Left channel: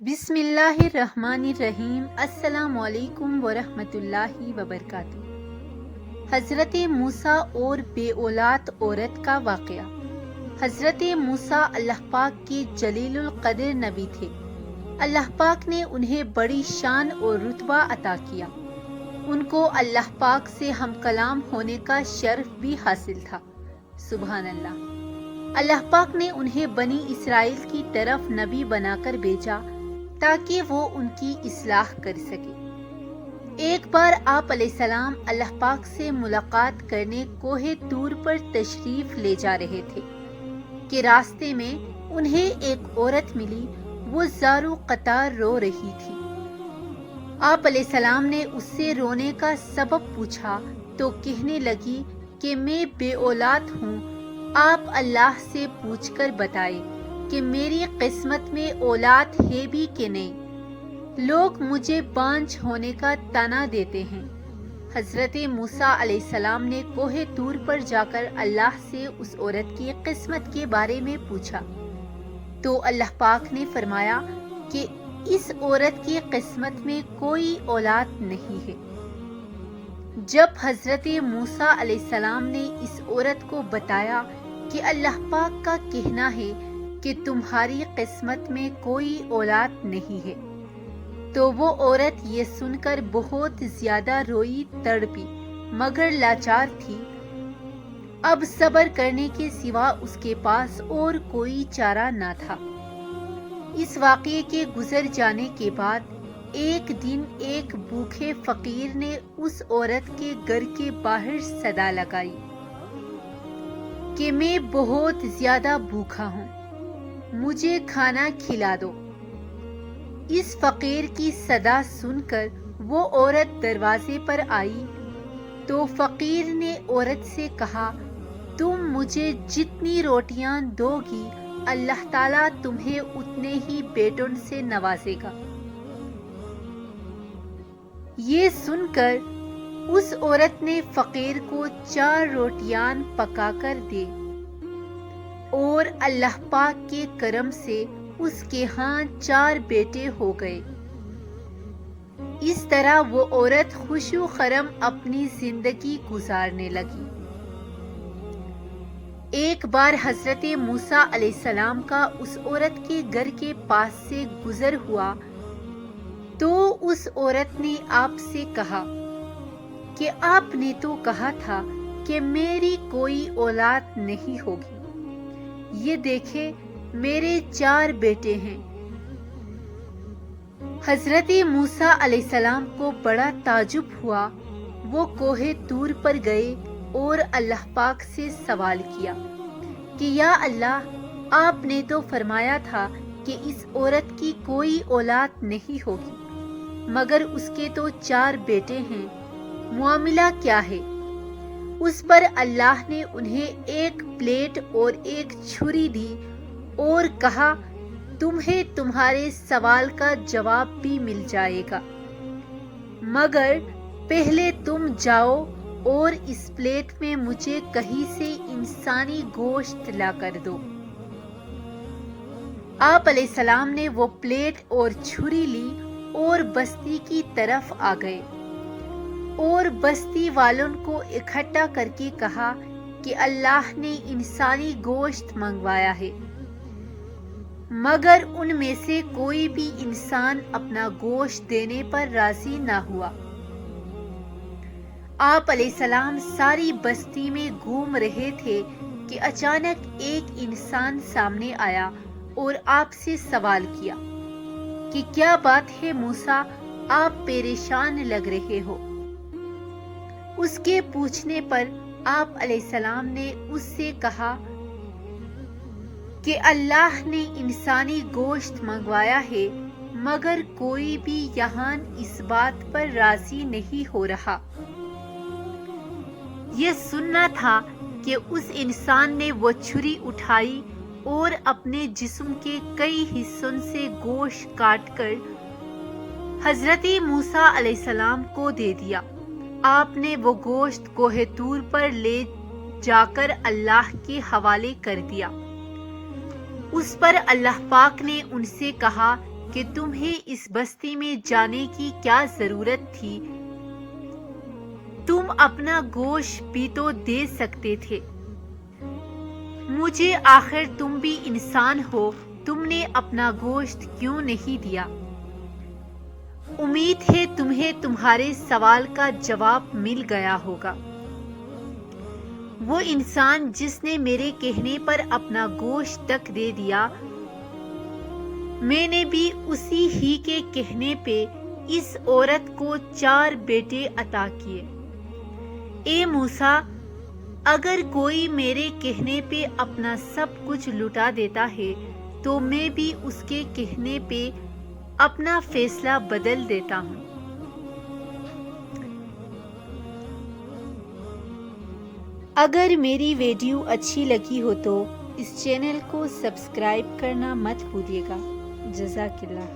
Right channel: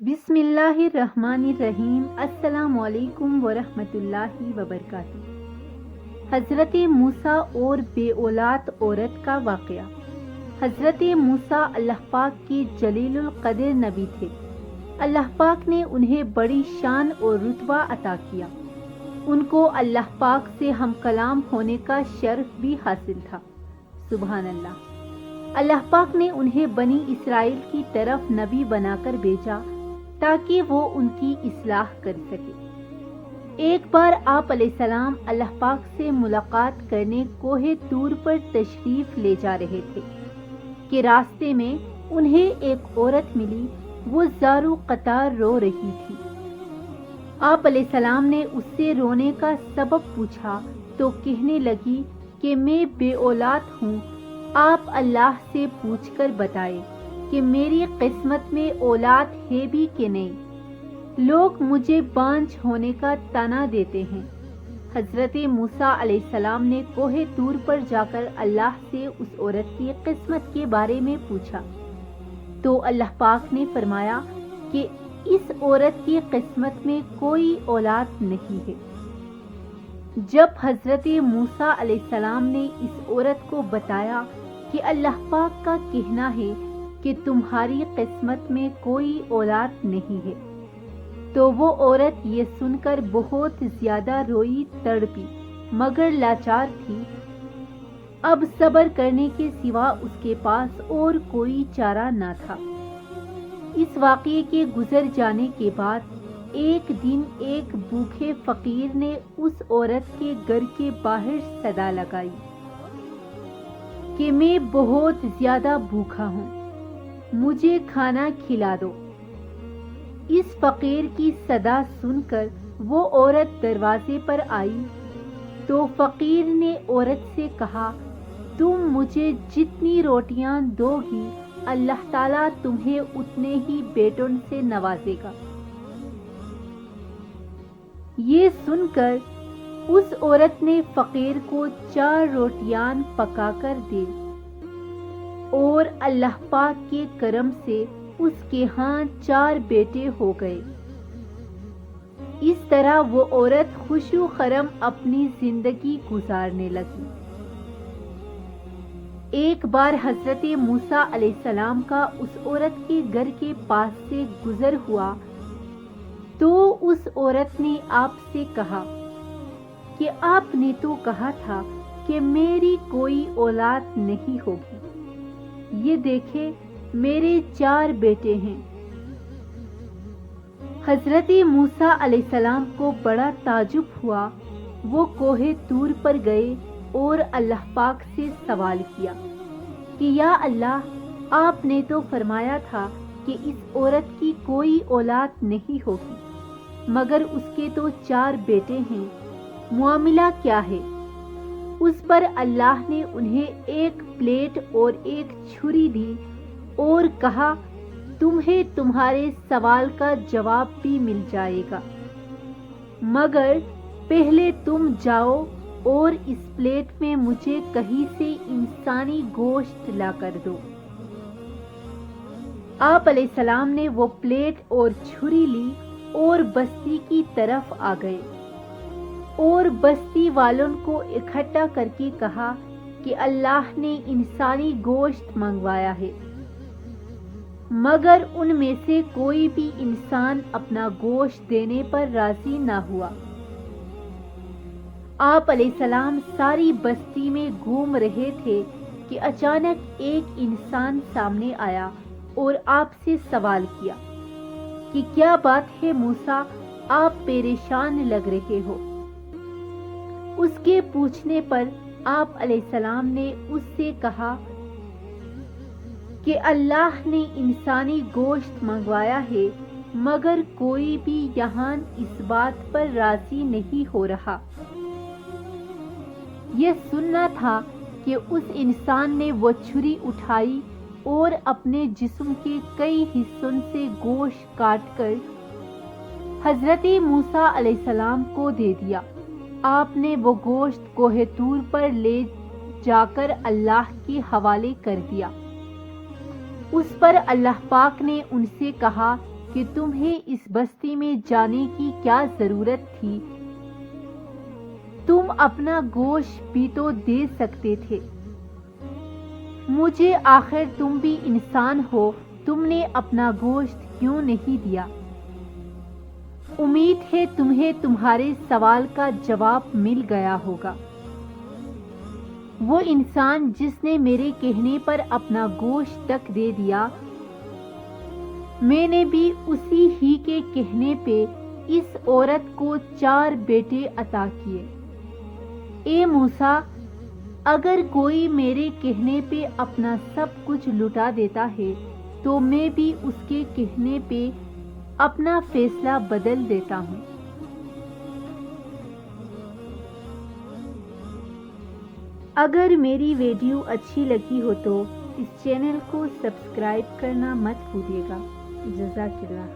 بسم اللہ الرحمن الرحیم۔ السلام علیکم ورحمۃ اللہ وبرکاتہ۔ حضرت موسیٰ اور بے اولاد عورت کا واقعہ۔ حضرت موسیٰ اللہ پاک کی جلیل القدر نبی تھے۔ اللہ پاک نے انہیں بڑی شان اور رتبہ عطا کیا۔ ان کو اللہ پاک سے ہم کلام ہونے کا شرف بھی حاصل تھا۔ سبحان اللہ۔ اللہ پاک نے انہیں بنی اسرائیل کی طرف نبی بنا کر بھیجا تاکہ وہ ان کی اصلاح کر سکے۔ ایک بار آپ علیہ السلام اللہ پاک سے ملاقات کرنے کوہ طور پر تشریف لے جا رہے تھے کہ راستے میں انہیں ایک عورت ملی۔ وہ زارو قطار رو رہی تھی۔ آپ علیہ السلام نے اس سے رونے کا سبب پوچھا تو کہنے لگی کہ میں بے اولاد ہوں، آپ اللہ سے پوچھ کر بتائے کہ میری قسمت میں اولاد ہے بھی کہ نہیں، لوگ مجھے بانجھ ہونے کا طعنہ دیتے ہیں۔ حضرت موسیٰ علیہ السلام نے کوہ طور پر جا کر اللہ سے اس عورت کی قسمت کے بارے میں پوچھا تو اللہ پاک نے فرمایا کہ اس عورت کی قسمت میں کوئی اولاد نہیں ہے۔ جب حضرت موسیٰ علیہ السلام نے اس عورت کو بتایا کہ اللہ پاک کا کہنا ہے کہ تمہاری قسمت میں کوئی اولاد نہیں ہے، تو وہ عورت یہ سن کر بہت زیادہ روئی، تڑپی، مگر لاچار تھی۔ اب صبر کرنے کے سوا اس کے پاس اور کوئی چارہ نہ تھا۔ اس واقعے کے گزر جانے کے بعد ایک دن ایک بھوکے فقیر نے اس عورت کے گھر کے باہر صدا لگائی کہ میں بہت زیادہ بھوکا ہوں، مجھے کھانا کھلا دو۔ اس فقیر کی صدا سن کر وہ عورت دروازے پر آئی تو فقیر نے عورت سے کہا، تم مجھے جتنی روٹیاں دو گی اللہ تعالیٰ تمہیں اتنے ہی بیٹوں سے نوازے گا۔ یہ سن کر اس عورت نے فقیر کو 4 روٹیاں پکا کر دی اور اللہ پاک کے کرم سے اس کے ہاں 4 بیٹے ہو گئے۔ اس طرح وہ عورت خوش و خرم اپنی زندگی گزارنے لگی۔ ایک بار حضرت موسیٰ علیہ السلام کا اس عورت کے گھر کے پاس سے گزر ہوا تو اس عورت نے آپ سے کہا کہ آپ نے تو کہا تھا کہ میری کوئی اولاد نہیں ہوگی، یہ دیکھیں میرے 4 بیٹے ہیں۔ حضرت موسیٰ علیہ السلام کو بڑا تعجب ہوا۔ وہ کوہ طور پر گئے اور اللہ پاک سے سوال کیا کہ یا اللہ، آپ نے تو فرمایا تھا کہ اس عورت کی کوئی اولاد نہیں ہوگی، مگر اس کے تو 4 بیٹے ہیں، معاملہ کیا ہے؟ اس پر اللہ نے انہیں ایک پلیٹ اور ایک چھری دی اور کہا، تمہیں تمہارے سوال کا جواب بھی مل جائے گا، مگر پہلے تم جاؤ اور اس پلیٹ میں مجھے کہیں سے انسانی گوشت لا کر دو۔ آپ علیہ السلام نے وہ پلیٹ اور چھری لی اور بستی کی طرف آ گئے اور بستی والوں کو اکٹھا کر کے کہا کہ اللہ نے انسانی گوشت منگوایا ہے، مگر ان میں سے کوئی بھی انسان اپنا گوشت دینے پر راضی نہ ہوا۔ آپ علیہ السلام ساری بستی میں گھوم رہے تھے کہ اچانک ایک انسان سامنے آیا اور آپ سے سوال کیا کہ کیا بات ہے موسیٰ، آپ پریشان لگ رہے ہو۔ اس کے پوچھنے پر آپ علیہ السلام نے اس سے کہا کہ اللہ نے انسانی گوشت منگوایا ہے، مگر کوئی بھی یہاں اس بات پر راضی نہیں ہو رہا۔ یہ سننا تھا کہ اس انسان نے وہ چھری اٹھائی اور اپنے جسم کے کئی حصوں سے گوشت کاٹ کر حضرت موسیٰ علیہ السلام کو دے دیا۔ آپ نے وہ گوشت کوہ طور پر لے جا کر اللہ کے حوالے کر دیا۔ اس پر اللہ پاک نے ان سے کہا کہ تمہیں اس بستی میں جانے کی کیا ضرورت تھی؟ تم اپنا گوشت بھی تو دے سکتے تھے مجھے، آخر تم بھی انسان ہو، تم نے اپنا گوشت کیوں نہیں دیا؟ امید ہے تمہیں تمہارے سوال کا جواب مل گیا ہوگا۔ وہ انسان جس نے میرے کہنے پر اپنا گوشت تک دے دیا، میں نے بھی اسی ہی کے کہنے پہ اس عورت کو 4 بیٹے عطا کیے۔ اے موسیٰ، اگر کوئی میرے کہنے پہ اپنا سب کچھ لٹا دیتا ہے تو میں بھی اس کے کہنے پہ اپنا فیصلہ بدل دیتا ہوں۔ اگر میری ویڈیو اچھی لگی ہو تو اس چینل کو سبسکرائب کرنا مت بھولیے گا۔ جزاک اللہ۔